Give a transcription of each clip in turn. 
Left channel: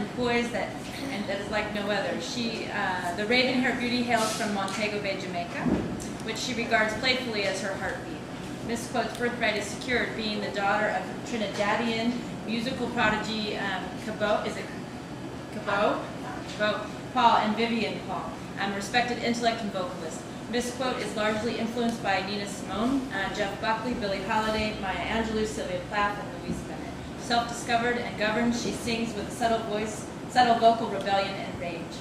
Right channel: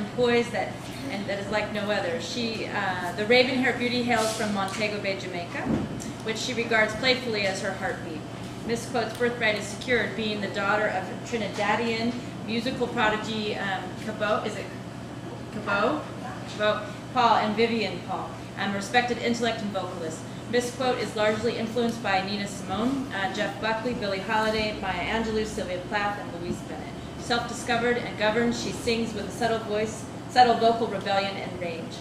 and poise that is like no other. The raven-haired beauty hails from Montego Bay, Jamaica, which she regards playfully as her heartbeat. Miss Quote's birthright is secured, being the daughter of Trinidadian musical prodigy Cabot Paul and Vivian Paul, a respected intellect and vocalist. Miss Quote is largely influenced by Nina Simone, Jeff Buckley, Billie Holiday, Maya Angelou, Sylvia Plath, and Louise Bennett. Self-discovered and governed, she sings with a subtle voice, subtle vocal rebellion and range.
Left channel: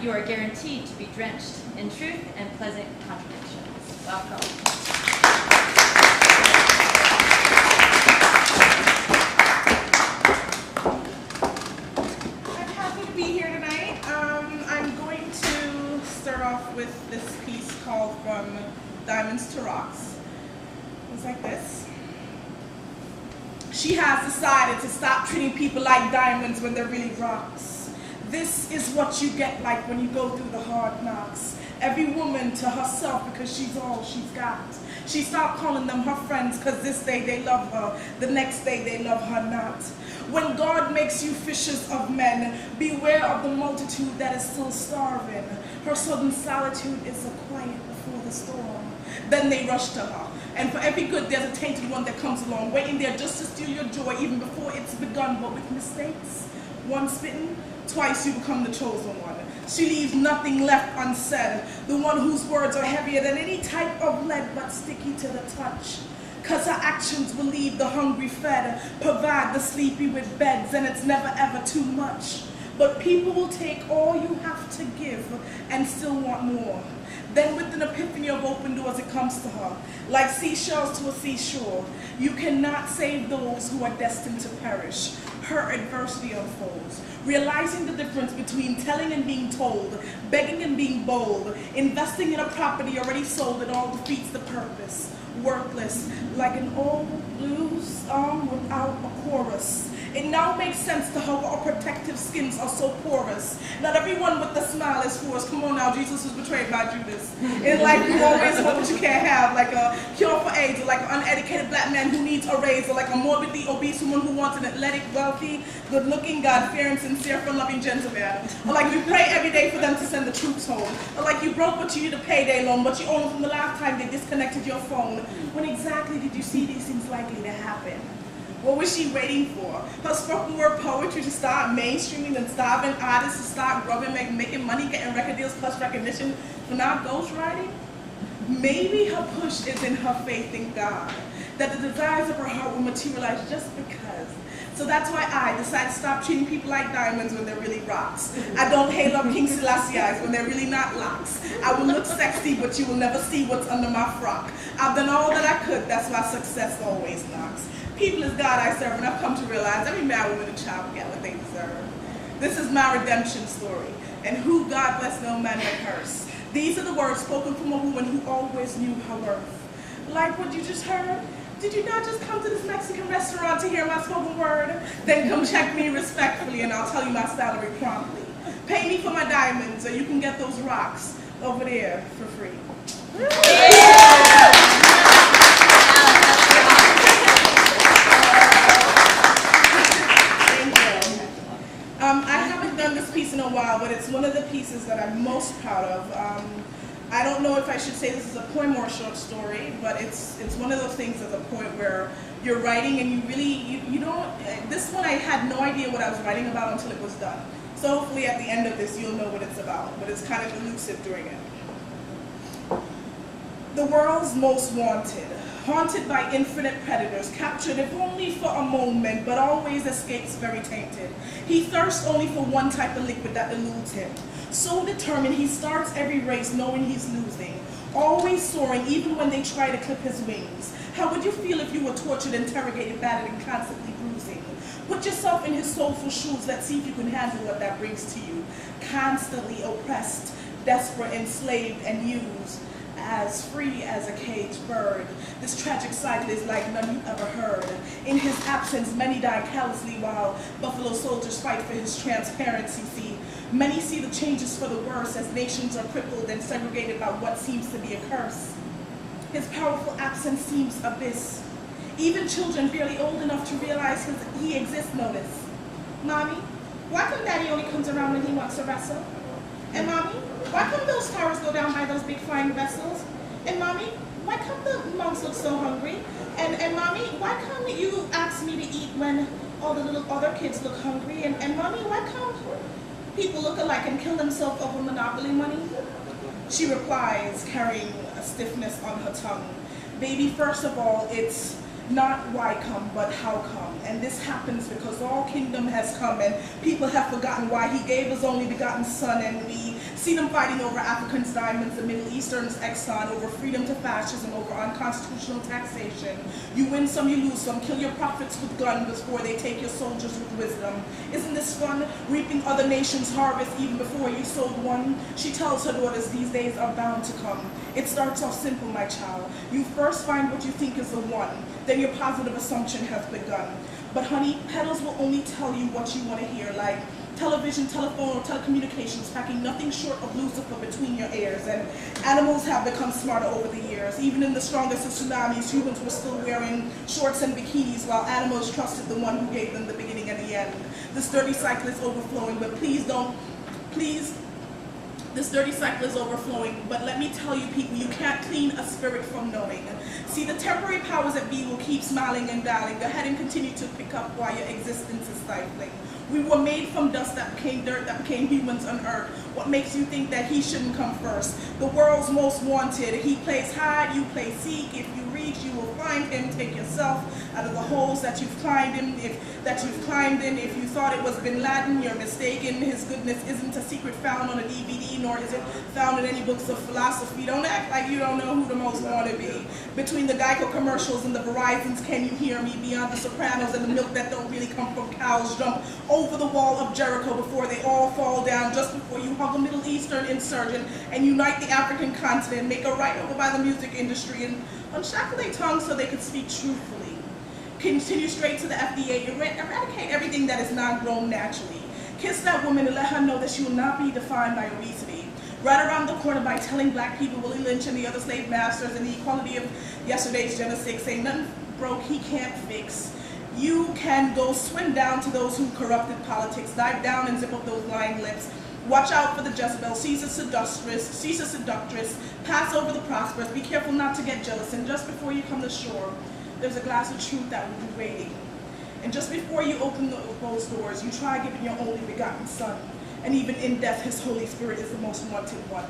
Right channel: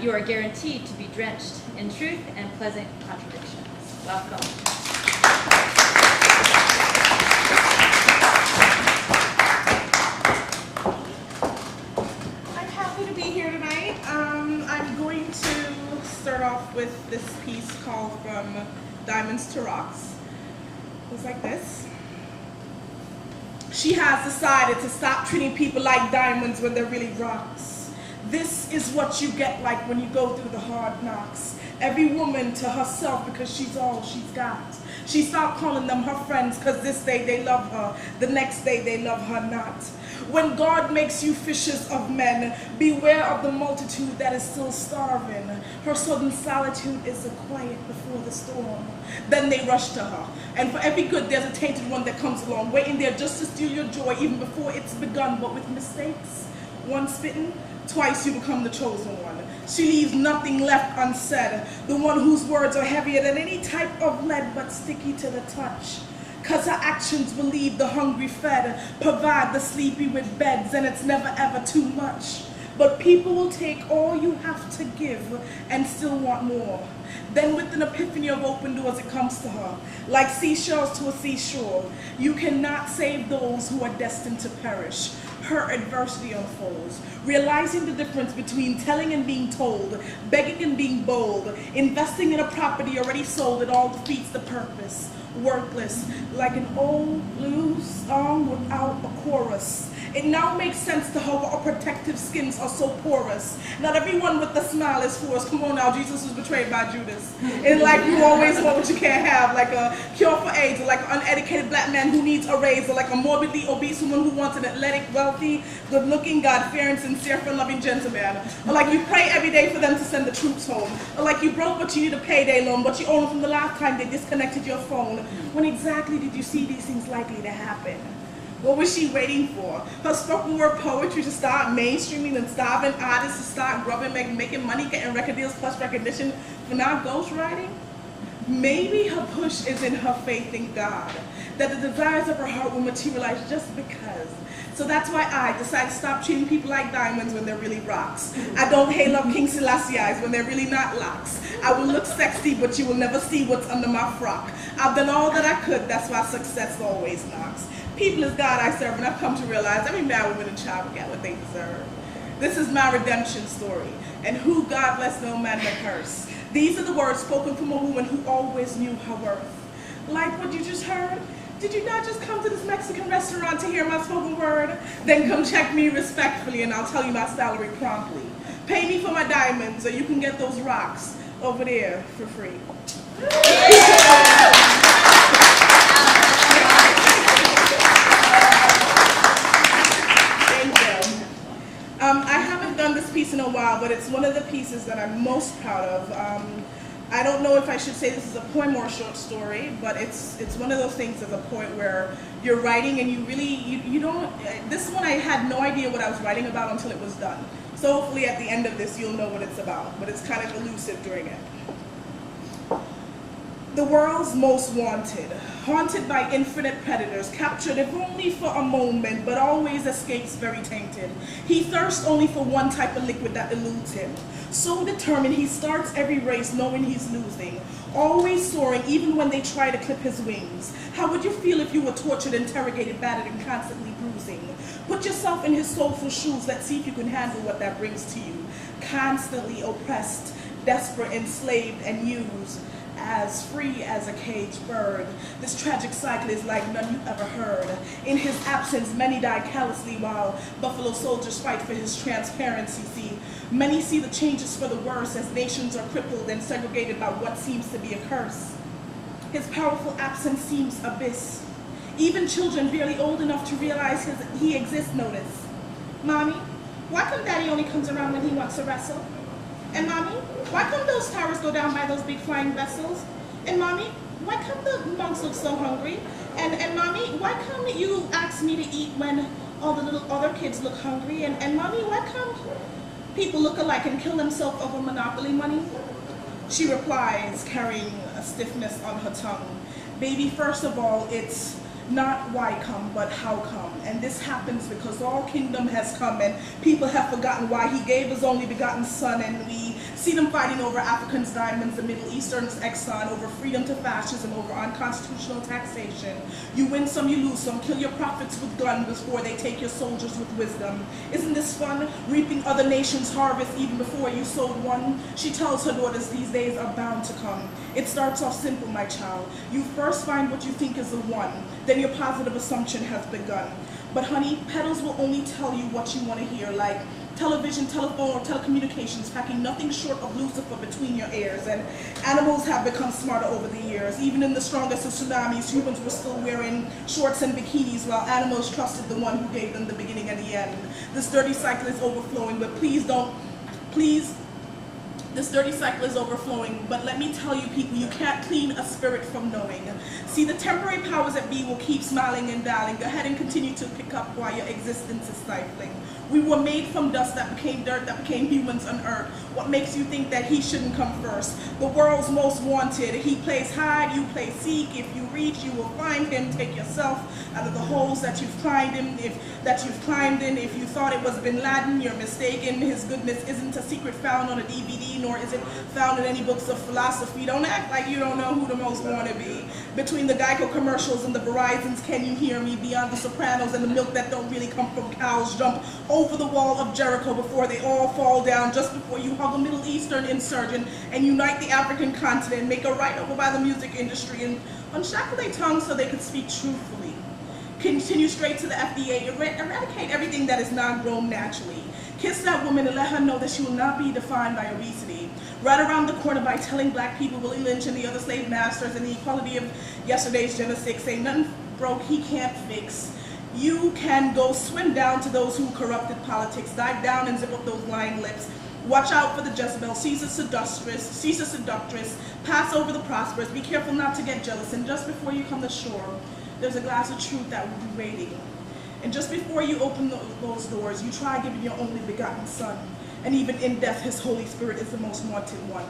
You are guaranteed to be drenched in truth and pleasant contradictions. Welcome. I'm happy to be here tonight. I'm going to start off with this piece called From Diamonds to Rocks. It's like this. She has decided to stop treating people like diamonds when they're really rocks. This is what you get like when you go through the hard knocks. Every woman to herself because she's all she's got. She stopped calling them her friends because this day they love her, the next day they love her not. When God makes you fishers of men, beware of the multitude that is still starving. Her sudden solitude is a quiet before the storm. Then they rush to her. And for every good, there's a tainted one that comes along, waiting there just to steal your joy even before it's begun. But with mistakes, once bitten, twice you become the chosen one. She leaves nothing left unsaid, the one whose words are heavier than any type of lead but sticky to the touch. Cause her actions will leave the hungry fed, provide the sleepy with beds, and it's never ever too much. But people will take all you have to give and still want more. Then with an epiphany of open doors it comes to her, like seashells to a seashore. You cannot save those who are destined to perish. Her adversity unfolds, realizing the difference between telling and being told, begging and being bold, investing in a property already sold. It all defeats the purpose. Worthless, like an old blues song without a chorus. It now makes sense to her why our protective skins are so porous. Not everyone with a smile is for us. Come on now, Jesus was betrayed by Judas. In life you always want what you can't have, like a cure for AIDS, or like an uneducated black man who needs a raise, or like a morbidly obese woman who wants an athletic, wealthy, good-looking, God-fearing, sincere, fun-loving gentleman. Or like you pray every day for them to send the troops home. Or like you broke but you need a payday loan, but you own them from the last time they disconnected your phone. When exactly did you see these things likely to happen? What was she waiting for? Her spoken word poetry to start mainstreaming and starving artists to start grubbing, making money, getting record deals plus recognition for now ghostwriting? Maybe her push is in her faith in God, that the desires of her heart will materialize just because. So that's why I decided to stop treating people like diamonds when they're really rocks. I don't hail up King Selassie's when they're really not locks. I will look sexy, but you will never see what's under my frock. I've done all that I could, that's why success always knocks. People is God I serve, and I've come to realize every man, woman, and child will get what they deserve. This is my redemption story, and who God bless no man to curse. These are the words spoken from a woman who always knew her worth. Like what you just heard? Did you not just come to this Mexican restaurant to hear my spoken word? Then come check me respectfully and I'll tell you my salary promptly. Pay me for my diamonds or you can get those rocks over there for free. Thank you. I haven't done this piece in a while, but it's one of the pieces that I'm most proud of. I don't know if I should say this is a poem or a short story, but it's one of those things at the point where you're writing and you really, you don't, this one I had no idea what I was writing about until it was done. So hopefully at the end of this you'll know what it's about, but it's kind of elusive during it. The world's most wanted, haunted by infinite predators, captured if only for a moment, but always escapes very tainted. He thirsts only for one type of liquid that eludes him. So determined, he starts every race knowing he's losing, always soaring even when they try to clip his wings. How would you feel if you were tortured, interrogated, battered, and constantly bruising? Put yourself in his soulful shoes, let's see if you can handle what that brings to you. Constantly oppressed, desperate, enslaved, and used. As free as a caged bird. This tragic cycle is like none you ever heard. In his absence, many die callously while buffalo soldiers fight for his transparency. See, many see the changes for the worse as nations are crippled and segregated by what seems to be a curse. His powerful absence seems abyss. Even children barely old enough to realize he exists notice. Mommy, why come daddy only comes around when he wants to wrestle? And mommy, why come those towers go down by those big flying vessels? And mommy, why come the monks look so hungry? And mommy, why come you ask me to eat when all the little other kids look hungry? And mommy, why come people look alike and kill themselves over monopoly money? She replies, carrying a stiffness on her tongue, baby, first of all, it's not why come, but how come. And this happens because all kingdom has come and people have forgotten why he gave his only begotten son. And we see them fighting over Africans' diamonds, the Middle Eastern's Exxon, over freedom to fascism, over unconstitutional taxation. You win some, you lose some. Kill your prophets with guns before they take your soldiers with wisdom. Isn't this fun? Reaping other nations' harvest even before you sowed one. She tells her daughters these days are bound to come. It starts off simple, my child. You first find what you think is the one. Then your positive assumption has begun. But honey, petals will only tell you what you want to hear, like television, telephone, or telecommunications, packing nothing short of Lucifer between your ears. And animals have become smarter over the years. Even in the strongest of tsunamis, humans were still wearing shorts and bikinis while animals trusted the one who gave them the beginning and the end. This dirty cycle is overflowing, but this dirty cycle is overflowing, but let me tell you people, you can't clean a spirit from knowing. See, the temporary powers that be will keep smiling and dialing. Go ahead and continue to pick up while your existence is stifling. We were made from dust that became dirt, that became humans on earth. What makes you think that he shouldn't come first? The world's most wanted. He plays hide, you play seek. If you reach, you will find him. Take yourself out of the holes that you've climbed in. If you thought it was Bin Laden, you're mistaken. His goodness isn't a secret found on a DVD, nor is it found in any books of philosophy. Don't act like you don't know who the most wanted be. Between the Geico commercials and the Verizons, can you hear me? Beyond the Sopranos and the milk that don't really come from cows, jump over the wall of Jericho before they all fall down, just before you hug a Middle Eastern insurgent and unite the African continent, make a right over by the music industry and unshackle their tongues so they could speak truthfully. Continue straight to the FDA, eradicate everything that is not grown naturally. Kiss that woman and let her know that she will not be defined by obesity. Right around the corner by telling black people Willie Lynch and the other slave masters and the equality of yesterday's genocide, say nothing broke he can't fix. You can go swim down to those who corrupted politics, dive down and zip up those lying lips. Watch out for the Jezebel, Caesar seductress, pass over the prosperous, be careful not to get jealous, and just before you come to shore, there's a glass of truth that will be waiting. And just before you open those doors, you try giving your only begotten son. And even in death, his Holy Spirit is the most wanted one.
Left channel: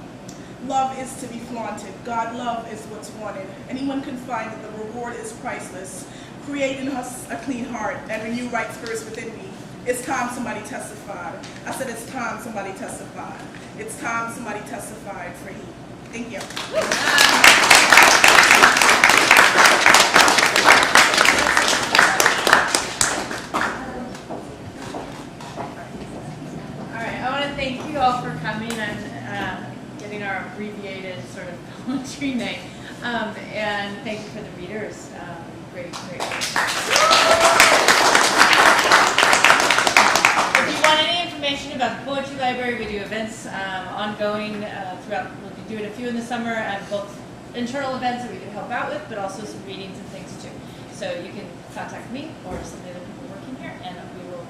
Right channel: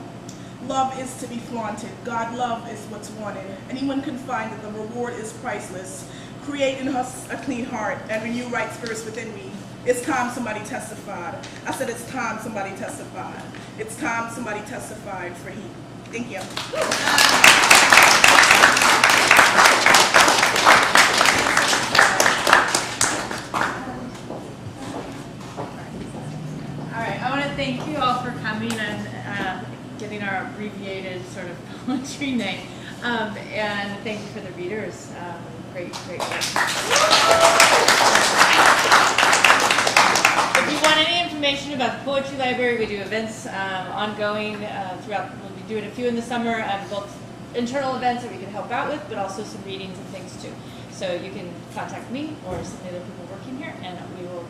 Love is to be flaunted. God love is what's wanted. Anyone can find that the reward is priceless. Create in us a clean heart and renew right spirits within me. It's time somebody testified. I said it's time somebody testified. It's time somebody testified for he. Thank you. Thank you all for coming and getting our abbreviated sort of poetry name. And thank you for the readers. Great work. If you want any information about the Poetry Library, we do events ongoing throughout. We'll be doing a few in the summer, and both internal events that we can help out with, but also some readings and things too. So you can contact me or some of the other people working here, and we will